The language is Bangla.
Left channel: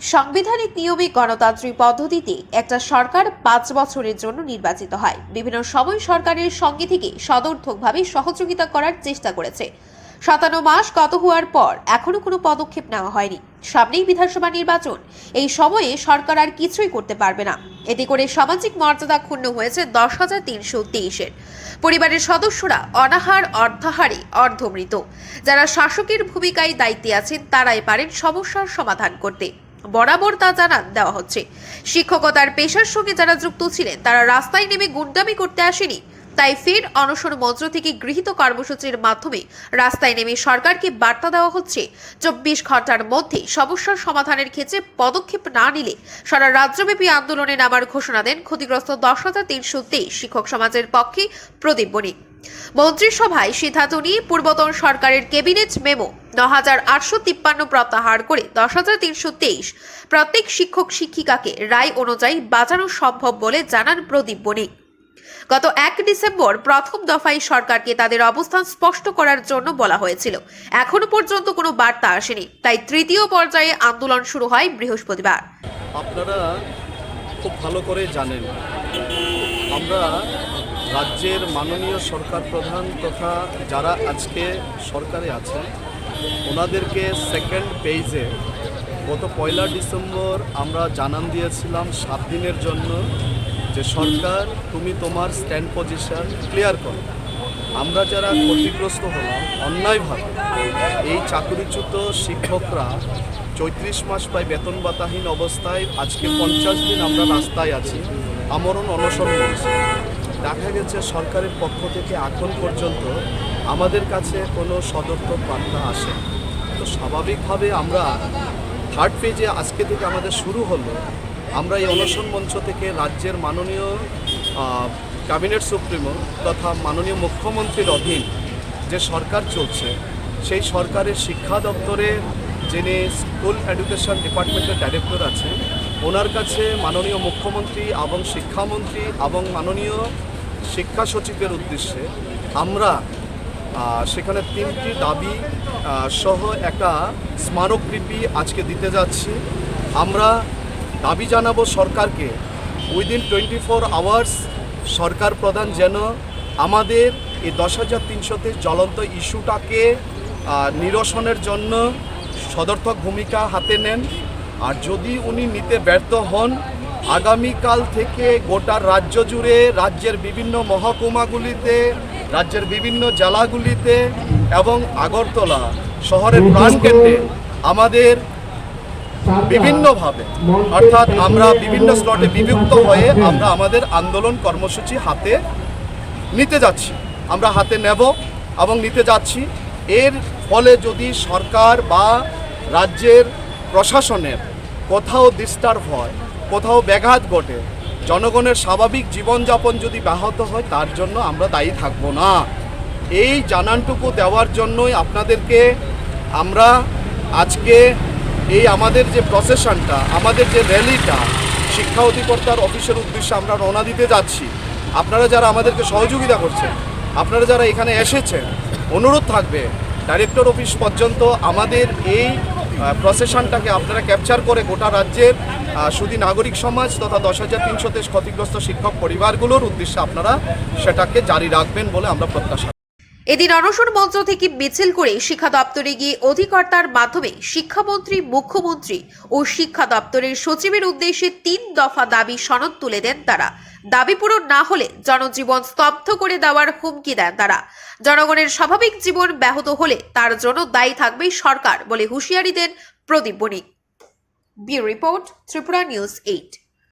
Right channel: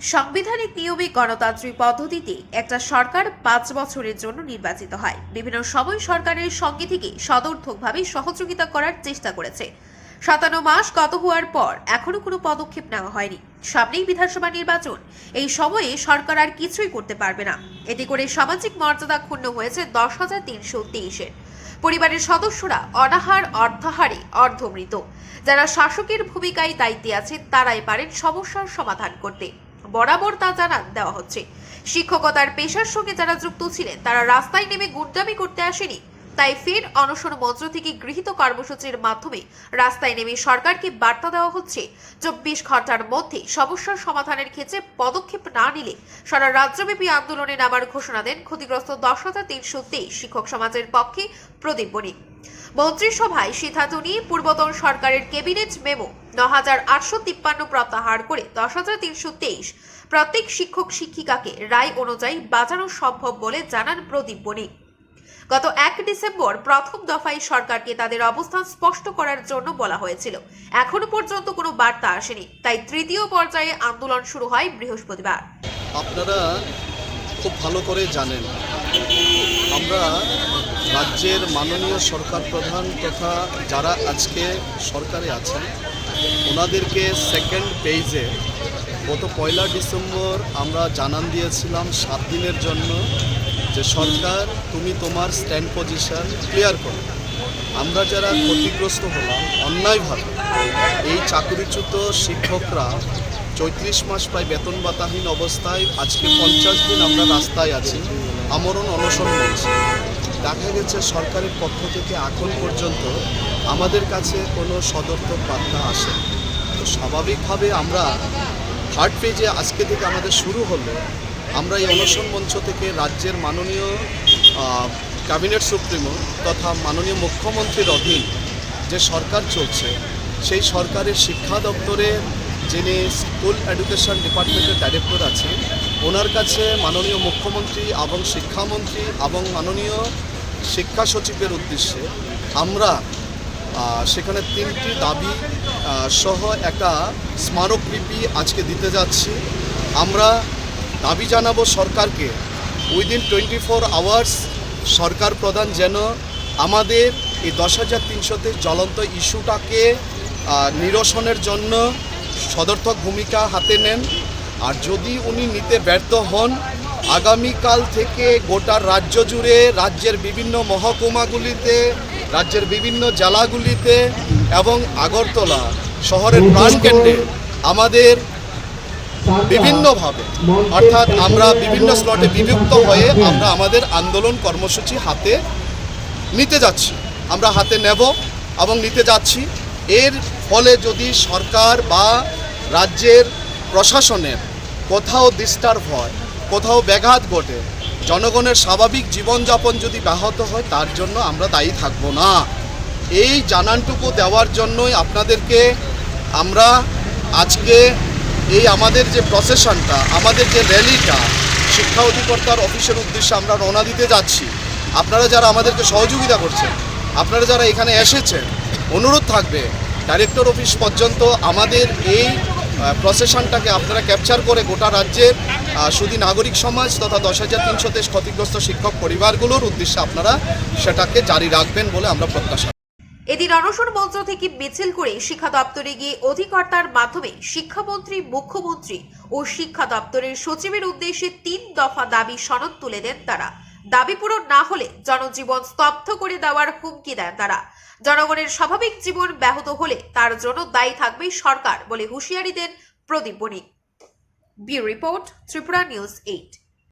সাংবিধানিক নিয়মে গণতান্ত্রিক পদ্ধতিতে একটা সরকার 5 বছরের জন্য নির্বাচিত হয়। বিভিন্ন সময় সরকারের সঙ্গে থেকে সদর্থকভাবে সহযোগিতা করার চেষ্টা করেছে। 57 মাস গত হওয়ার পর এখনো কোনো পদক্ষেপ নেওয়া হয়নি। সামনেই বিধানসভা নির্বাচন, এই সময়ে সরকার আর কিছুই করতে পারবে না। এতে করে সামাজিক মর্যাদা ক্ষুণ্ণ হয়েছে 10,323-এর। পরিবারের সদস্যরা অনাহার, অর্ধাহারে, অর্ধমৃত। যারা শাসকের ভূমিকায় দায়িত্বে আছেন তারাই পারেন সমস্যার সমাধান করতে। বরাবর তা জানান দেওয়া হচ্ছে। শিক্ষকতার পেশার সঙ্গে যারা যুক্ত ছিলেন তারা রাস্তায় নেমে গুন্ডামি করতে আসেনি। তাই ফের অনশন মঞ্চ থেকে গৃহীত কর্মসূচির মাধ্যমে রাস্তায় নেমে সরকারকে বার্তা দেওয়া হচ্ছে, 24 ঘন্টার মধ্যে সমস্যার সমাধানের ক্ষেত্রে পদক্ষেপ না নিলে সারা রাজ্যব্যাপী আন্দোলনে নামার ঘোষণা দেন ক্ষতিগ্রস্ত 10,323 শিক্ষক সমাজের পক্ষে প্রদীপ বণিক। মন্ত্রিসভায় সিদ্ধান্ত নিয়ে পূর্বতন সরকারের ক্যাবিনেট মেমো 9,853 প্রত্যাহার করে 10,323 প্রত্যেক শিক্ষক শিক্ষিকাকে রায় অনুযায়ী বাঁচানো সম্ভব বলে জানান প্রদীপ বণিক। গত 1 ডিসেম্বর প্রথম দফায় সরকারকে তাদের অবস্থান স্পষ্ট করার জন্য বলা হয়েছিল। এখনো পর্যন্ত কোনো বার্তা আসেনি, তাই তৃতীয় পর্যায়ে আন্দোলন শুরু হয় বৃহস্পতিবার। আপনারা খুব ভালো করে জানেন, আমরা রাজ্যের মাননীয় সরকার প্রধান তথা যারা আজকে সরকারে আছেন ওনাদেরকে সেকেন্ড পেজে গত 1 ডিসেম্বর আমরা জানান দিয়েছিলাম 7 দিনের জন্য যে সরকার তুমি তোমার স্ট্যান্ড পজিশন ক্লিয়ার করো। আমরা যারা ক্ষতিগ্রস্ত হলাম অন্যায়ভাবে, এই চাকরিচ্যুত শিক্ষকরা 34 মাস প্রায় বেতন ভাতাহীন অবস্থায় আজকে 50 দিন আমরা রাস্তায় আছি, আমরণ অনশন মঞ্চে। দেখা গেছে সরকারের পক্ষ থেকে এখন পর্যন্ত আমাদের কাছে কোনো সদর্থক বার্তা আসে। তো স্বাভাবিকভাবে আমরা 3rd পেজে আজকে থেকে আমাদের শুরু হলো। আমরা এই অনশন মঞ্চ থেকে রাজ্যের মাননীয় ক্যাবিনেট সুপ্রিমো তথা মাননীয় মুখ্যমন্ত্রীর অধীন যে সরকার চলছে সেই সরকারের শিক্ষা দপ্তরে যিনি স্কুল এডুকেশন ডিপার্টমেন্টের ডাইরেক্টর আছেন ওনার কাছে মাননীয় মুখ্যমন্ত্রী এবং শিক্ষামন্ত্রী এবং মাননীয় শিক্ষা সচিবের উদ্দেশ্যে আমরা সেখানে 3টি দাবি সহ একটা স্মারকলিপি আজকে দিতে যাচ্ছি। আমরা দাবি জানাবো সরকারকে উইদিন 24 আওয়ার্স সরকার প্রধান যেন আমাদের এই 10,300-তে জ্বলন্ত ইস্যুটাকে নিরসনের জন্য সদর্থক ভূমিকা হাতে নেন। আর যদি উনি নিতে ব্যর্থ হন, আগামীকাল থেকে গোটা রাজ্য জুড়ে রাজ্যের বিভিন্ন মহকুমাগুলিতে, রাজ্যের বিভিন্ন জেলাগুলিতে এবং আগরতলা শহরের প্রাণকেন্দ্রে আমাদের বিভিন্নভাবে অর্থাৎ আমরা বিভিন্ন স্লটে বিভক্ত হয়ে আমরা আমাদের আন্দোলন কর্মসূচি হাতে নিতে যাচ্ছি, আমরা হাতে নেব এবং নিতে যাচ্ছি। এর ফলে যদি সরকার বা রাজ্যের প্রশাসনের কোথাও ডিস্টার্ব হয়, কোথাও ব্যাঘাত ঘটে, জনগণের স্বাভাবিক জীবনযাপন যদি ব্যাহত হয় তার জন্য আমরা দায়ী থাকব না। এই জানানটুকু দেওয়ার জন্যই আপনাদেরকে আমরা আজকে এই আমাদের যে প্রসেশনটা, আমাদের যে র্যালিটা শিক্ষা অধিকর্তার অফিসের উদ্দেশ্যে আমরা রওনা দিতে যাচ্ছি। আপনারা যারা আমাদেরকে সহযোগিতা করছেন, আপনারা যারা এখানে এসেছেন, অনুরোধ থাকবে ডাইরেক্টর অফিস পর্যন্ত আমাদের এই প্রসেশনটাকে আপনারা ক্যাপচার করে গোটা রাজ্যের শুধু নাগরিক সমাজ তথা 10,300-তে ক্ষতিগ্রস্ত শিক্ষক পরিবারগুলোর উদ্দেশ্যে আপনারা সেটাকে জারি রাখবেন বলে আমরা প্রত্যাশা। এদিন অনশন মঞ্চ থেকে মিছিল করে শিক্ষা দপ্তরে গিয়ে অধিকর্তার মাধ্যমে শিক্ষামন্ত্রী, মুখ্যমন্ত্রী ও শিক্ষা দপ্তরের সচিবের উদ্দেশ্যে 3 দফা দাবি সনদ তুলে দেন তারা। দাবি পূরণ না হলে জনজীবন ত্স্তব্ধ করে দেওয়ার হুমকি দেন তারা। জনগণের স্বাভাবিক জীবন ব্যাহত হলে তার জন্য দায়ী থাকবে সরকার বলে হুঁশিয়ারি দেন Pradip Banik. Bureau report, Tripura news 8।